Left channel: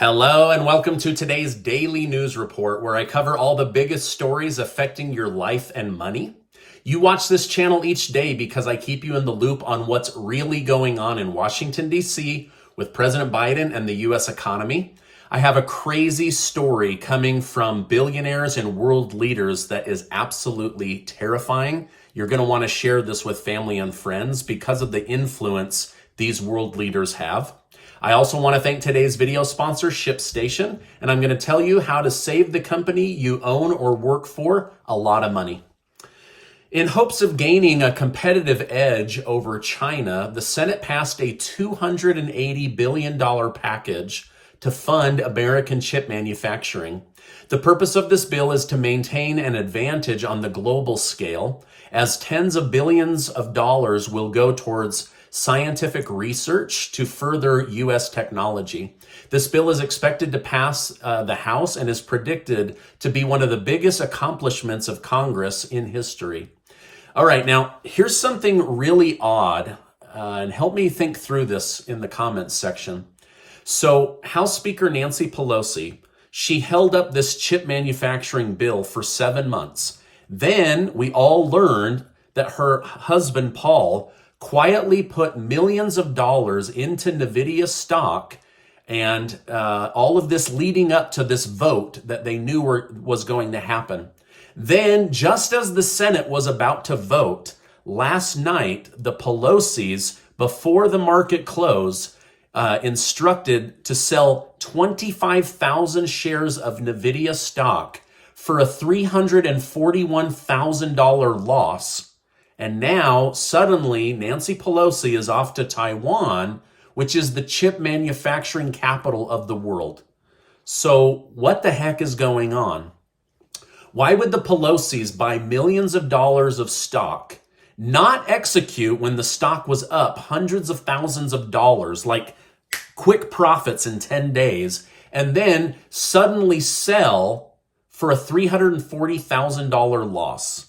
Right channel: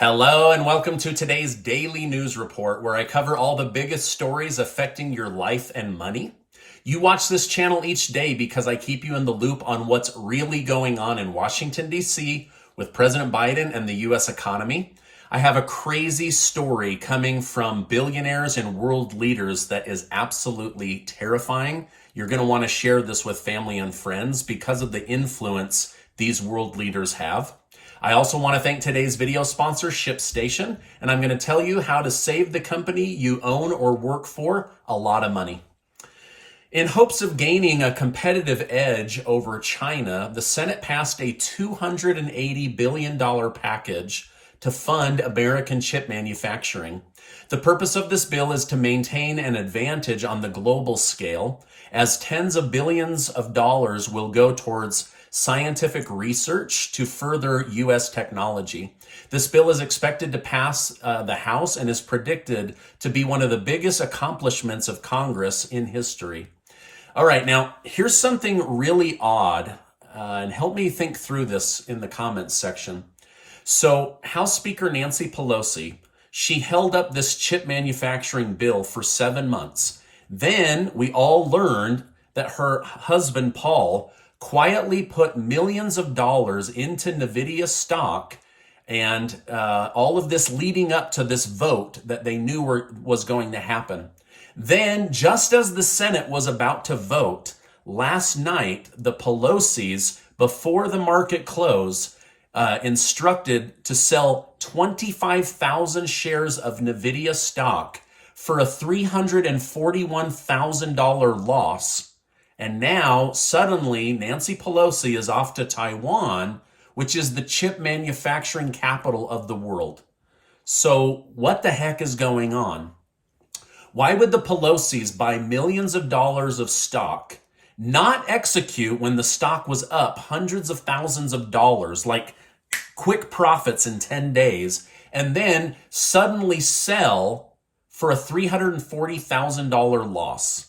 Hello and welcome to today's daily news report where I cover all the biggest stories affecting your life and money. You watch this channel each day because I keep you in the loop on what's really going on in Washington, D.C. with President Biden and the U.S. economy. I have a crazy story coming from billionaires and world leaders that is absolutely terrifying. You're going to want to share this with family and friends because of the influence these world leaders have. I also want to thank today's video sponsor, ShipStation, and I'm going to tell you how to save the company you own or work for a lot of money. In hopes of gaining a competitive edge over China, the Senate passed a $280 billion package to fund American chip manufacturing. The purpose of this bill is to maintain an advantage on the global scale, as tens of billions of dollars will go towards scientific research to further U.S. technology. This bill is expected to pass the House and is predicted to be one of the biggest accomplishments of Congress in history. All right, now here's something really odd, and help me think through this in the comments section. So House Speaker Nancy Pelosi, she held up this chip manufacturing bill for 7 months. Then we all learned that her husband, Paul, quietly put millions of dollars into NVIDIA stock, and all of this leading up to this vote that they knew was going to happen. Then, just as the Senate was about to vote, last night, the Pelosi's, before the market closed, instructed to sell 25,000 shares of NVIDIA stock for a $341,000 loss. And now, suddenly, Nancy Pelosi is off to Taiwan, which is the chip manufacturing capital of the world. So what the heck is going on? Why would the Pelosi's buy millions of dollars of stock, not execute when the stock was up hundreds of thousands of dollars, like quick profits in 10 days, and then suddenly sell for a $340,000 loss?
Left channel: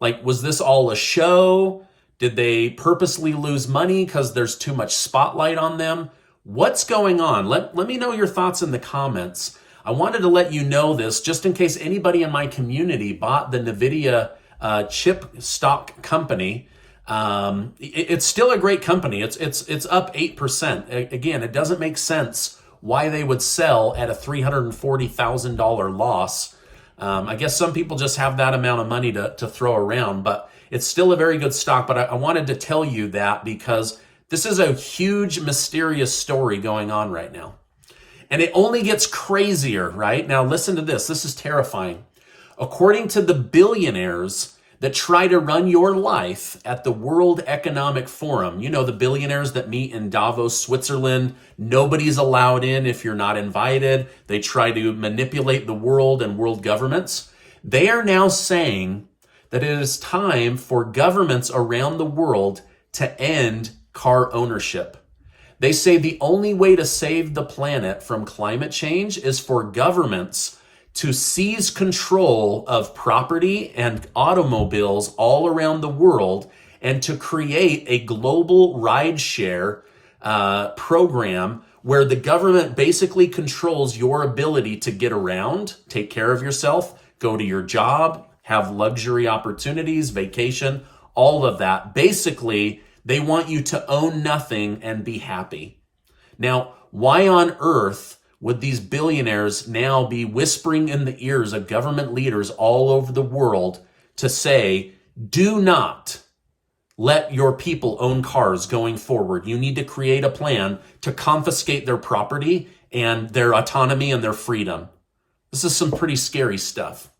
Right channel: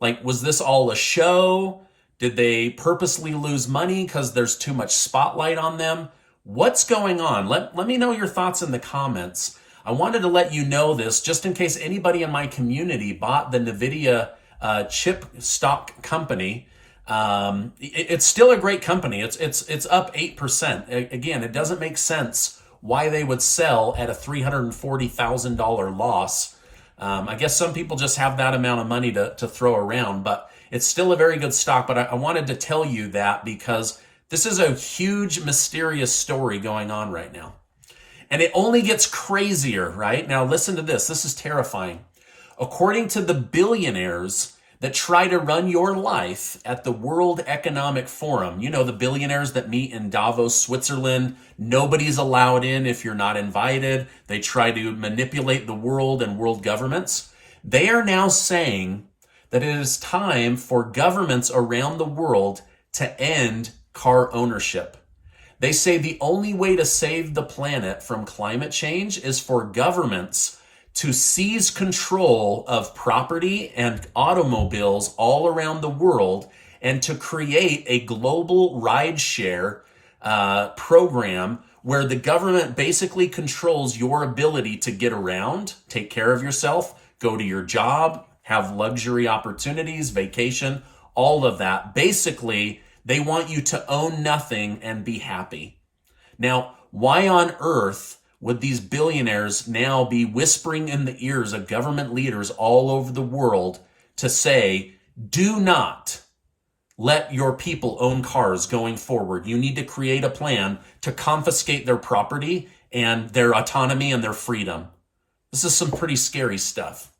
Like, was this all a show? Did they purposely lose money because there's too much spotlight on them? What's going on? Let me know your thoughts in the comments. I wanted to let you know this just in case anybody in my community bought the NVIDIA chip stock company. It's still a great company. It's up 8%. Again, it doesn't make sense why they would sell at a $340,000 loss. I guess some people just have that amount of money to throw around, but it's still a very good stock. But I wanted to tell you that because this is a huge, mysterious story going on right now. And it only gets crazier, right? Now listen to this. This is terrifying. According to the billionaires that try to run your life at the World Economic Forum, you know, the billionaires that meet in Davos, Switzerland, nobody's allowed in if you're not invited. They try to manipulate the world and world governments. They are now saying that it is time for governments around the world to end car ownership. They say the only way to save the planet from climate change is for governments to seize control of property and automobiles all around the world and to create a global rideshare program where the government basically controls your ability to get around, take care of yourself, go to your job, have luxury opportunities, vacation, all of that. Basically, they want you to own nothing and be happy. Now, why on earth would these billionaires now be whispering in the ears of government leaders all over the world to say, do not let your people own cars going forward. You need to create a plan to confiscate their property and their autonomy and their freedom. This is some pretty scary stuff.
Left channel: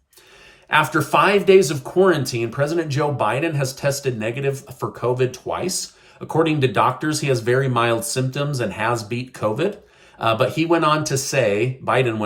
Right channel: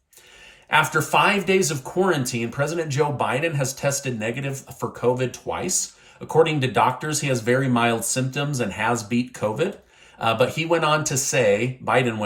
After 5 days of quarantine, President Joe Biden has tested negative for COVID twice. According to doctors, he has very mild symptoms and has beat COVID. But Biden went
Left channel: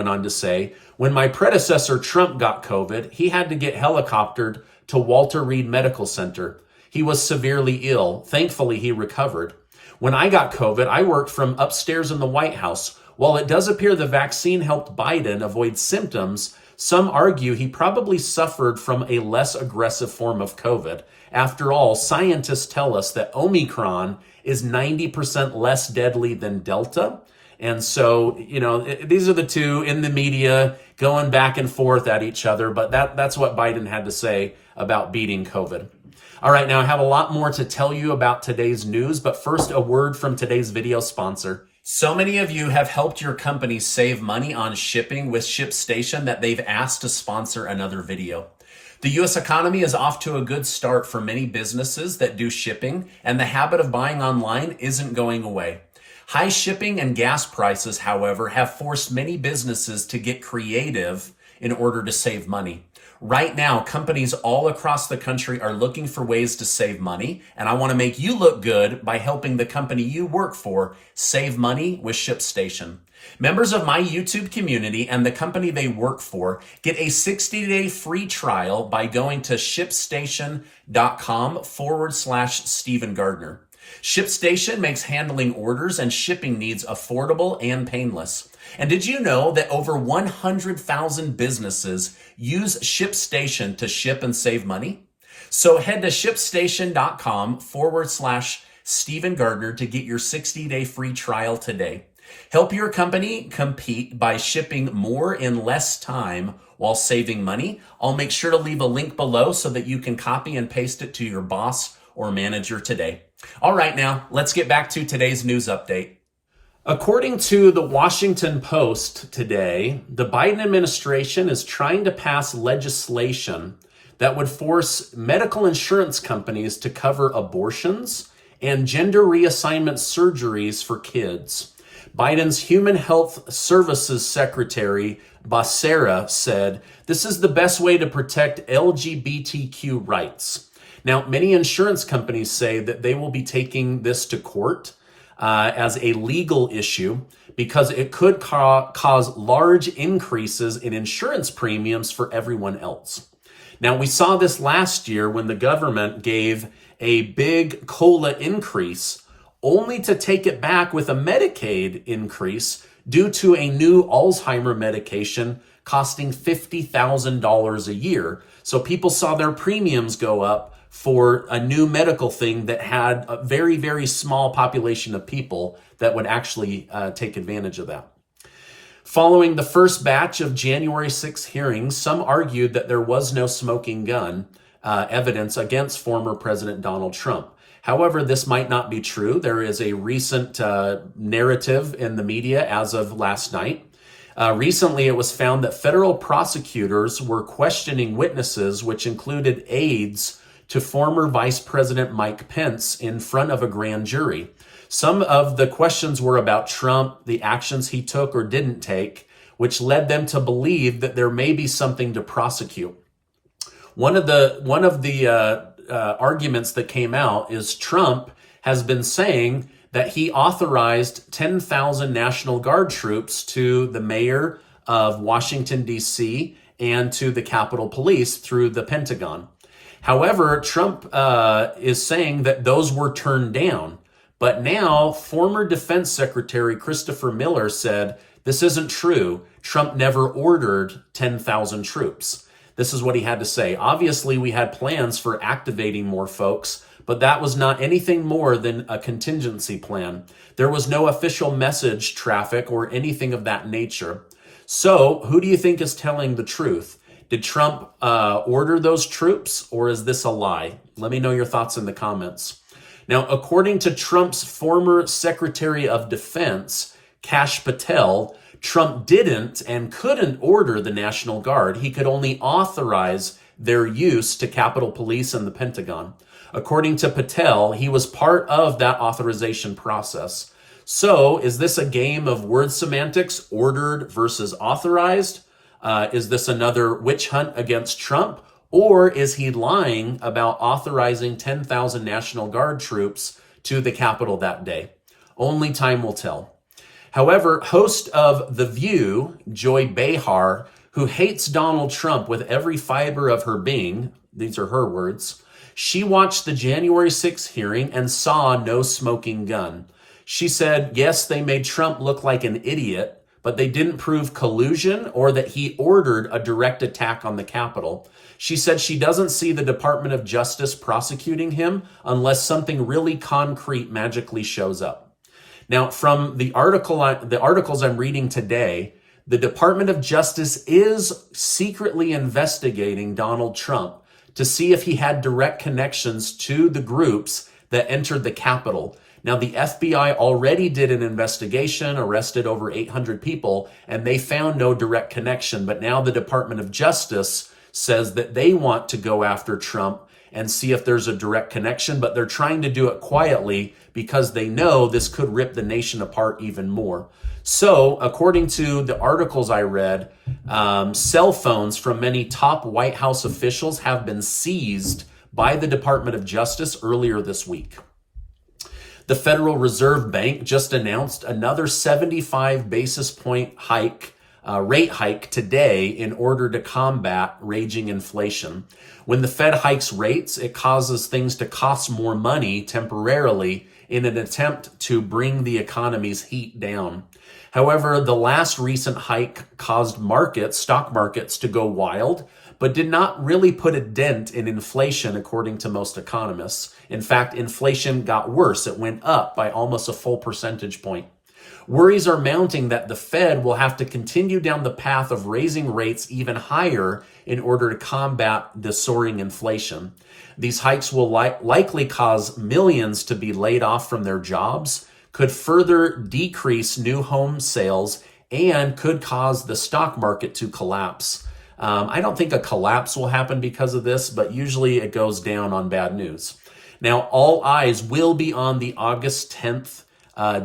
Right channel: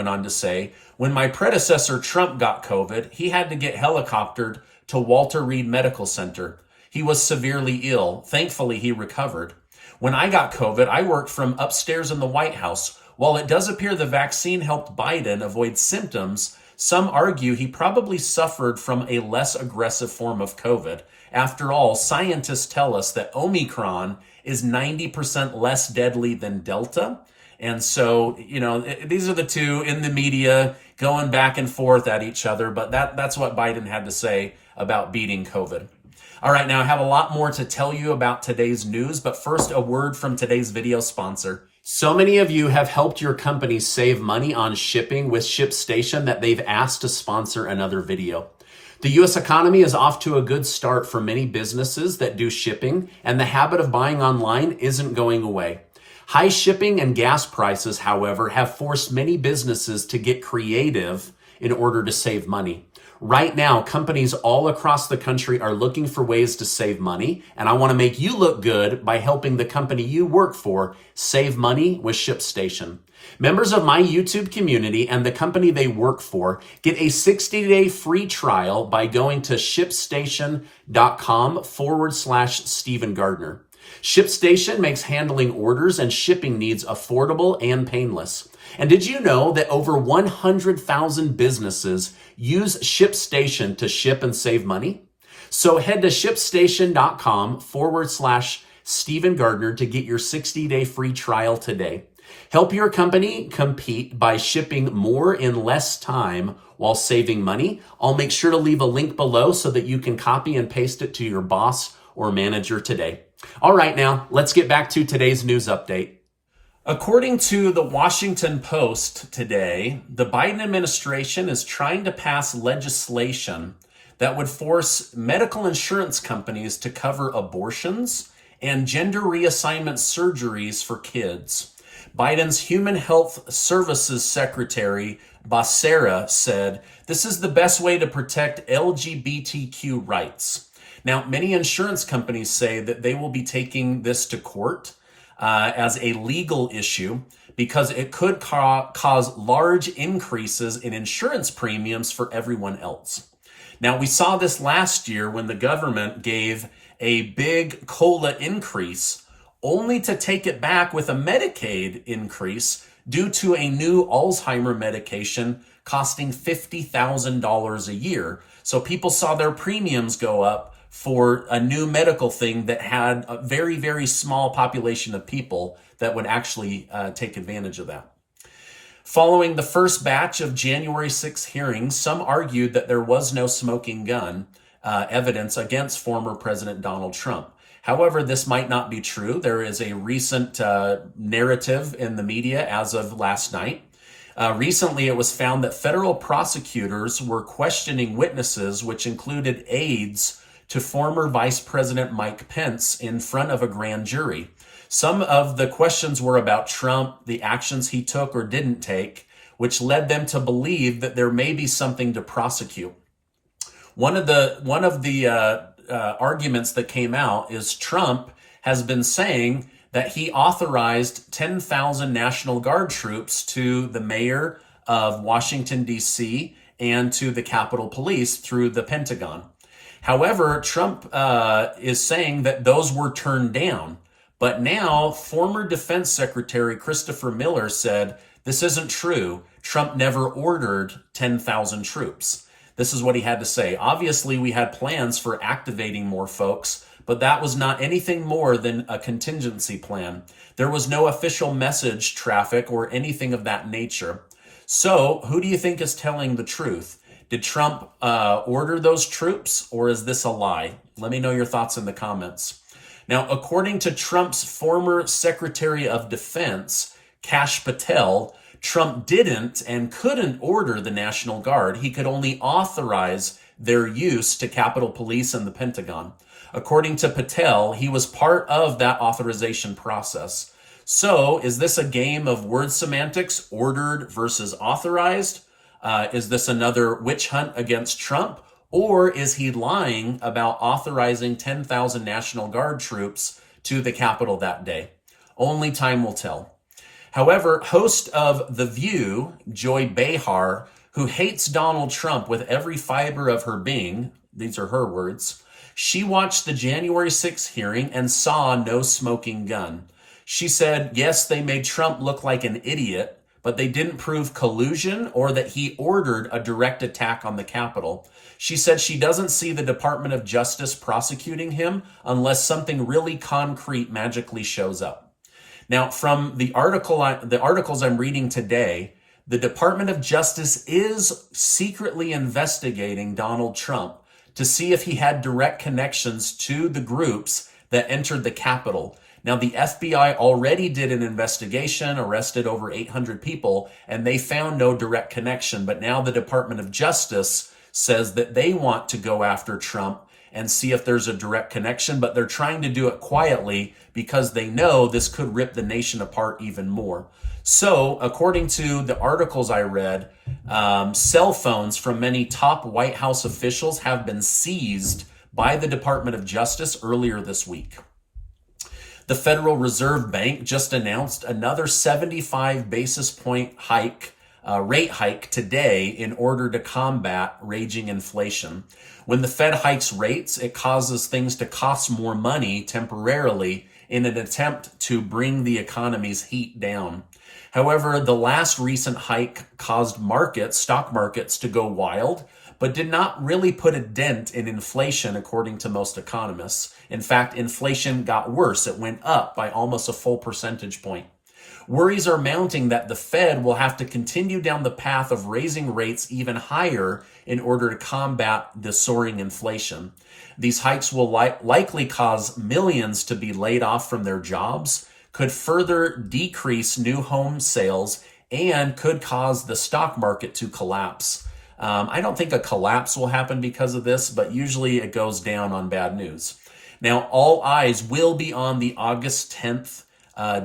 on to say, when my predecessor Trump got COVID, he had to get helicoptered to Walter Reed Medical Center. He was severely ill. Thankfully, he recovered. When I got COVID, I worked from upstairs in the White House. While it does appear the vaccine helped Biden avoid symptoms, some argue he probably suffered from a less aggressive form of COVID. After all, scientists tell us that Omicron is 90% less deadly than Delta, And so, these are the two in the media going back and forth at each other. But that's what Biden had to say about beating COVID. All right, now I have a lot more to tell you about today's news, but first, a word from today's video sponsor. So many of you have helped your company save money on shipping with ShipStation that they've asked to sponsor another video. The U.S. economy is off to a good start for many businesses that do shipping, and the habit of buying online isn't going away. High shipping and gas prices, however, have forced many businesses to get creative in order to save money. Right now, companies all across the country are looking for ways to save money, and I want to make you look good by helping the company you work for save money with ShipStation. Members of my YouTube community and the company they work for get a 60-day free trial by going to shipstation.com/Stephen Gardner. ShipStation makes handling orders and shipping needs affordable and painless. And did you know that over 100,000 businesses use ShipStation to ship and save money? So head to shipstation.com/Stephen Gardner to get your 60-day free trial today. Help your company compete by shipping more in less time while saving money. I'll make sure to leave a link below so that you can copy and paste it to your boss or manager today. All right, now let's get back to today's news update. According to the Washington Post today, the Biden administration is trying to pass legislation that would force medical insurance companies to cover abortions and gender reassignment surgeries for kids. Biden's Human Health Services Secretary, Behar, said, "This is the best way to protect LGBTQ rights." Now, many insurance companies say that they will be taking this to court as a legal issue because it could cause large increases in insurance premiums for everyone else. Now, we saw this last year when the government gave a big COLA increase only to take it back with a Medicaid increase due to a new Alzheimer medication costing $50,000 a year. So people saw their premiums go up for a new medical thing that had a very, very small population of people that would actually take advantage of that. Following the first batch of January 6th hearings, some argued that there was no smoking gun evidence against former President Donald Trump. However, this might not be true. There is a recent narrative in the media as of last night. Recently, it was found that federal prosecutors were questioning witnesses, which included aides to former Vice President Mike Pence in front of a grand jury. Some of the questions were about Trump, the actions he took or didn't take, which led them to believe that there may be something to prosecute. One of the arguments that came out is Trump has been saying that he authorized 10,000 National Guard troops to the mayor of Washington, D.C., and to the Capitol Police through the Pentagon. However, Trump is saying that those were turned down. But now, former Defense Secretary Christopher Miller said, this isn't true. Trump never ordered 10,000 troops. This is what he had to say. Obviously, we had plans for activating more folks, but that was not anything more than a contingency plan. There was no official message traffic or anything of that nature. So, who do you think is telling the truth? Did Trump order those troops, or is this a lie? Let me know your thoughts in the comments. Now, according to Trump's former Secretary of Defense, Kash Patel, Trump didn't and couldn't order the National Guard. He could only authorize their use to Capitol Police and the Pentagon. According to Patel, he was part of that authorization process. So, is this a game of word semantics, ordered versus authorized? Is this another witch hunt against Trump? Or is he lying about authorizing 10,000 National Guard troops to the Capitol that day? Only time will tell. However, host of The View, Joy Behar, who hates Donald Trump with every fiber of her being, these are her words, she watched the January 6th hearing and saw no smoking gun. She said, yes, they made Trump look like an idiot, but they didn't prove collusion or that he ordered a direct attack on the Capitol. She said she doesn't see the Department of Justice prosecuting him unless something really concrete magically shows up. Now, from the articles I'm reading today, the Department of Justice is secretly investigating Donald Trump to see if he had direct connections to the groups that entered the Capitol. Now, the FBI already did an investigation, arrested over 800 people, and they found no direct connection. But now the Department of Justice says that they want to go after Trump and see if there's a direct connection, but they're trying to do it quietly because they know this could rip the nation apart even more. So, according to the articles I read, cell phones from many top White House officials have been seized by the Department of Justice earlier this week. The Federal Reserve Bank just announced another 75 basis point rate hike today in order to combat raging inflation. When the Fed hikes rates, it causes things to cost more money temporarily in an attempt to bring the economy's heat down. However, the last recent hike caused stock markets to go wild, but did not really put a dent in inflation, according to most economists. In fact, inflation got worse. It went up by almost a full percentage point. Worries are mounting that the Fed will have to continue down the path of raising rates even higher in order to combat the soaring inflation. These hikes will likely cause millions to be laid off from their jobs, could further decrease new home sales, and could cause the stock market to collapse. I don't think a collapse will happen because of this, but usually it goes down on bad news. Now, all eyes will be on the August 10th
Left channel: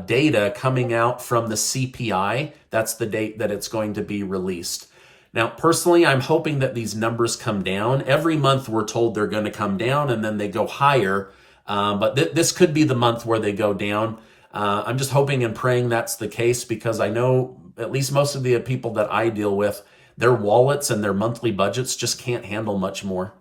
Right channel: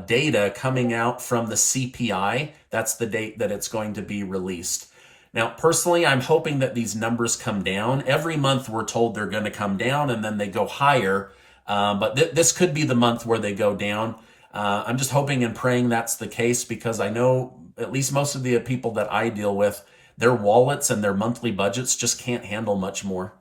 data coming out from the CPI. That's the date that it's going to be released. Now, personally, I'm hoping that these numbers come down. Every month we're told they're going to come down and then they go higher. But this could be the month where they go down. I'm just hoping and praying that's the case, because I know at least most of the people that I deal with, their wallets and their monthly budgets just can't handle much more.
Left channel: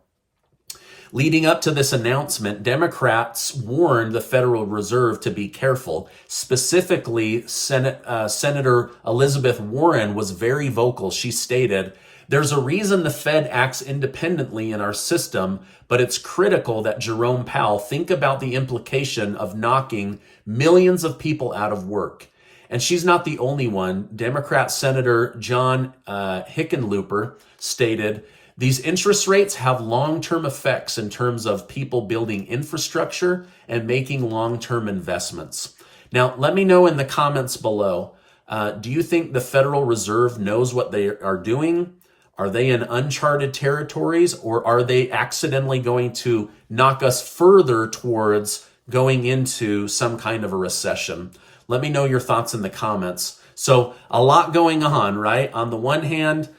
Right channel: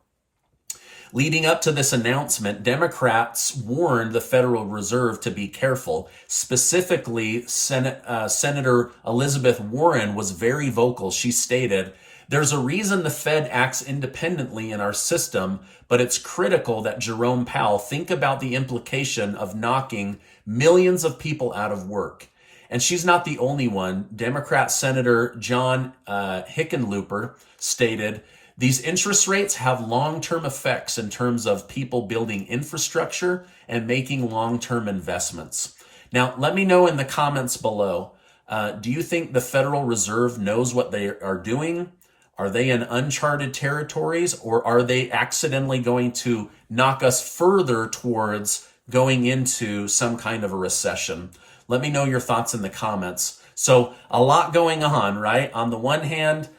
Leading up to this announcement, Democrats warned the Federal Reserve to be careful. Specifically, Senator Elizabeth Warren was very vocal. She stated, "There's a reason the Fed acts independently in our system, but it's critical that Jerome Powell think about the implication of knocking millions of people out of work." And she's not the only one. Democrat Senator John Hickenlooper stated, "These interest rates have long-term effects in terms of people building infrastructure and making long-term investments." Now, let me know in the comments below. Do you think the Federal Reserve knows what they are doing? Are they in uncharted territories, or are they accidentally going to knock us further towards going into some kind of a recession? Let me know your thoughts in the comments. So a lot going on, right? On the one hand,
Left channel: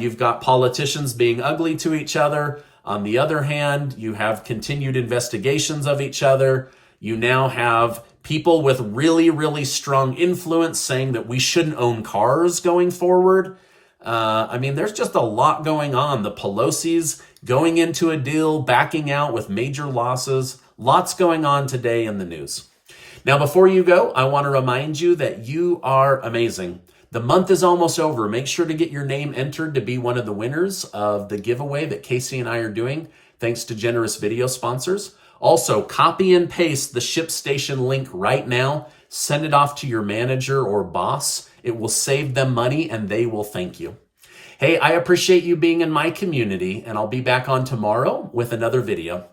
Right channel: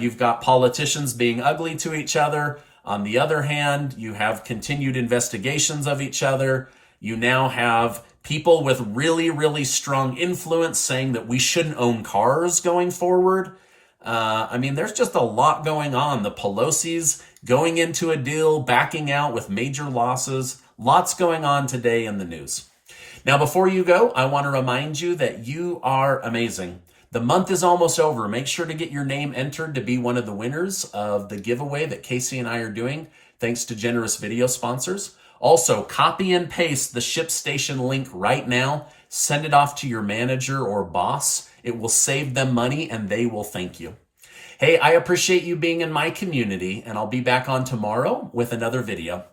you've got politicians being ugly to each other. On the other hand, you have continued investigations of each other. You now have people with really, really strong influence saying that we shouldn't own cars going forward. There's just a lot going on. The Pelosi's going into a deal, backing out with major losses. Lots going on today in the news. Now, before you go, I want to remind you that you are amazing. The month is almost over. Make sure to get your name entered to be one of the winners of the giveaway that Casey and I are doing, thanks to generous video sponsors. Also, copy and paste the ShipStation link right now. Send it off to your manager or boss. It will save them money and they will thank you. Hey, I appreciate you being in my community, and I'll be back on tomorrow with another video.